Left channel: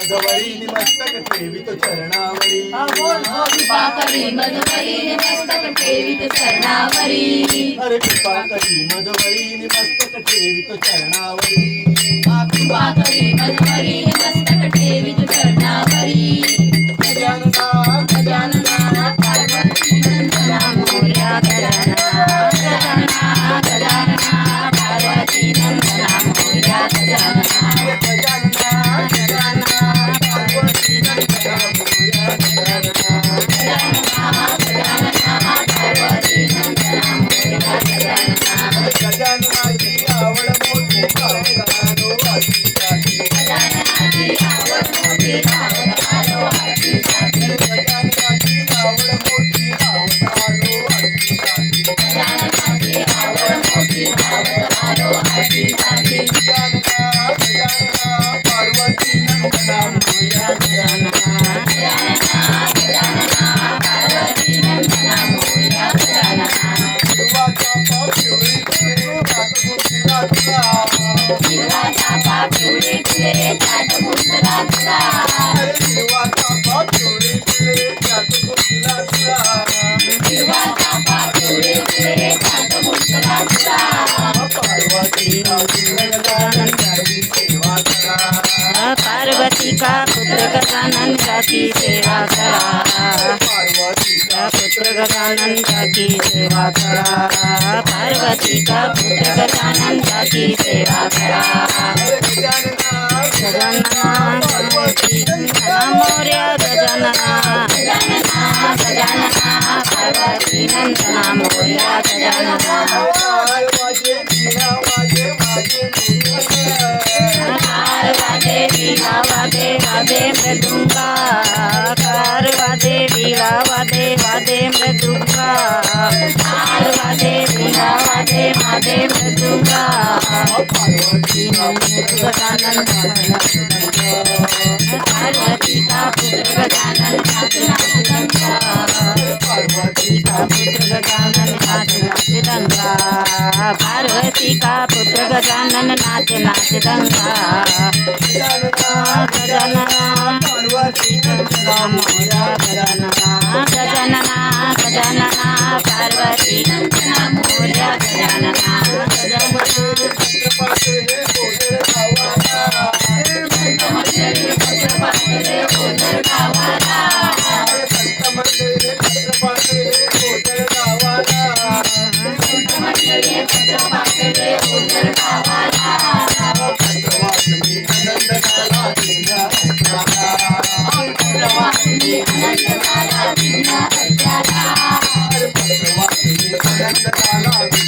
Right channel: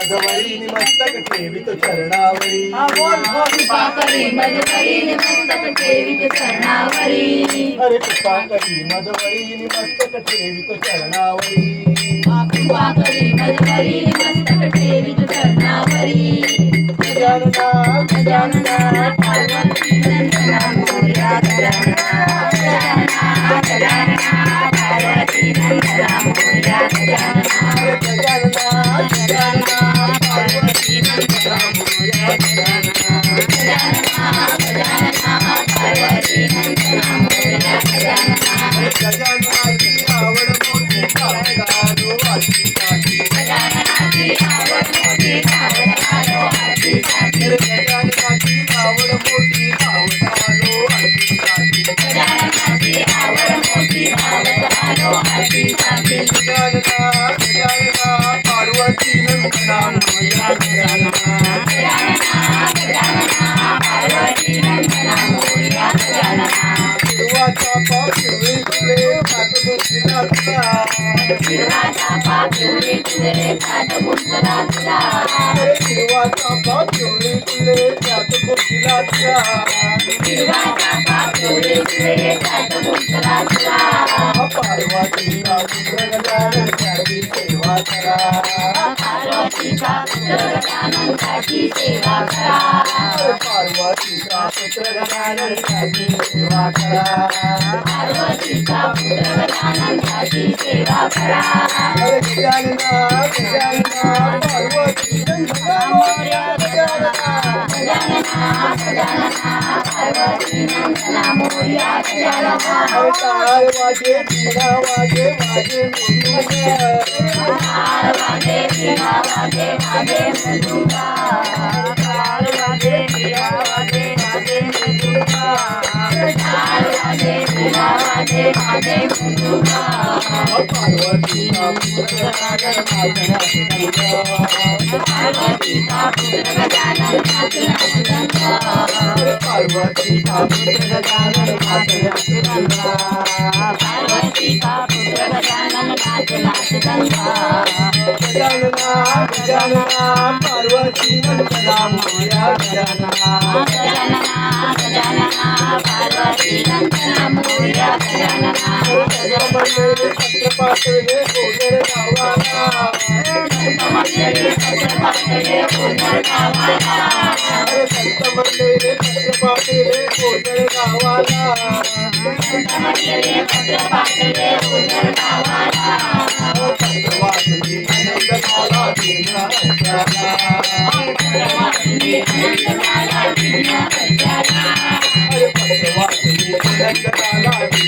मधवरी मस्तक ठेवित चरणावरी कृपा करी मधुवरी मस्तक ठेवित चरणावरी अरे कृपा करी मधवरी मस्तक ठेवित चरणावरी कृपा करी मधुवरी मस्तक ठेवित चरणावरी गजानना गजानना पार्वती नंदना मोरया गजानना गजानना पार्वती नंदना मोरया गजानना गजानना गजानना पार्वती नंदना मोरया गजानना गजानना गजानना पार्वती नंदना मोरया गजानना गजाननाची आवड मोठी आवडालो आठीसाठी गजाननाची आवड मोठी आवड आलो आठीसाठी गजाननाची आवड मोठी आवडालो आठीसाठी गजाननाची आवड मोठी आवड आलो आठीसाठी गजानना गजानना पार्वती नंदना मोरया गजानना गजानना गजानना पार्वती नंदना मोरया गजानना हिरवाचा पाप पिवळी फुले हात गोष्टीला तुला हिरवाचा पाप पिवळी फुले त्यात गुंतला तुला हिरवाचा पाप पिवळी फुले हात गोष्टीला तुला हिरवाचा पाप पिवळी फुले त्यात गुंतला तुला पार्वतीचा पुत्र गजानन त्याची सेवा करा पार्वतीचा पुत्र गजानन त्याची सेवा करा पार्वतीचा पुत्र गजानन त्याची सेवा करा पार्वतीचा पुत्र गजानन त्याची सेवा करा गजानना गजानना पार्वती नंदना मोरया गजानना गजानना गजानना पार्वती नंदना मोरया गजानना काय वाजे वीणा वाजे वाजे कार वाजे वीणा वाजे वाजे मृदुंगा कार वाजे वीणा वाजे वाजे मृदुंगा कार वाजे वीणा वाजे वाजे मृदुंगा पार्वतीचा पुत्र गजानन पार्वतीचा पुत्र गजानन नाच नाच गंगा पार्वतीचा पुत्र गजानन गंगा पार्वतीचा पुत्र गजानन नाच नाच गंगा गजानना गजानना पार्वती नंदना मोरया गजानना गजानना गजानना पार्वती नंदना मोरया गजानना मंदिर छत्रपाटले गोदर गावाला संत मंदिरे छत्रपाटले गोंधळ गावाला संत मंदिर छत्रपाटले गोदर गावाला संत मंदिरे छत्रपाटले गोंधळ गावाला वासनी आनंद झाला दिव्या सत्याला वासनी आनंद झाला दिव्या सत्याला वासनी आनंद झाला दिव्या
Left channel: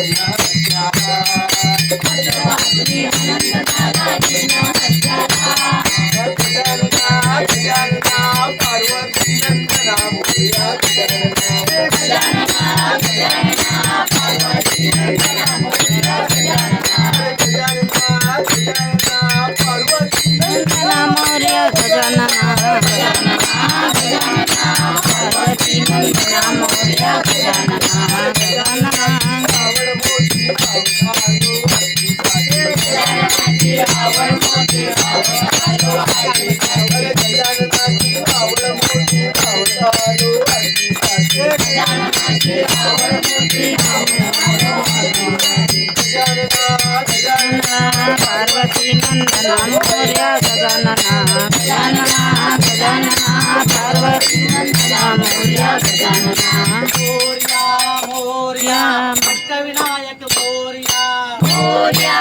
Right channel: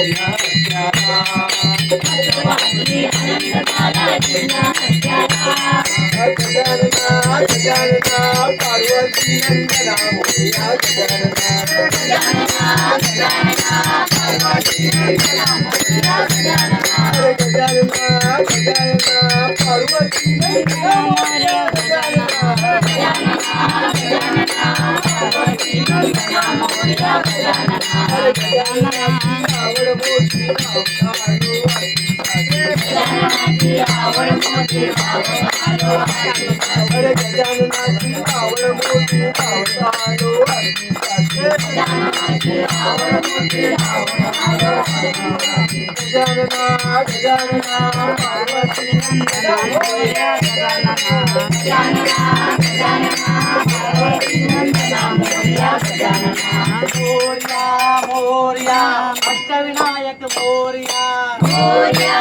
सत्याला वासनी आनंद झाला दिव्या सत्याला गजानना गजानना पार्वती नंदना मोरया गजानना गजानना गजानना पार्वती नंदना मोरया गजानना गजानना गजानना पार्वती नंदना मोरया गजानना गजानना गजानना पार्वती नंदना मोरया गजानना गजाननाची आवड मोठी आवडालो आठीसाठी गजाननाची आवड मोठी आलो आठीसाठी गजाननाची आवड मोठी आवडालो आठीसाठी गजाननाची आवड मोठी आलो आठीसाठी गजानना गजानना पार्वती नंदना मोरया गजानना गजानना गजानना पार्वती नंदना मोरया गजानना मोरया मोरया अष्टविनायक मोरया मोरया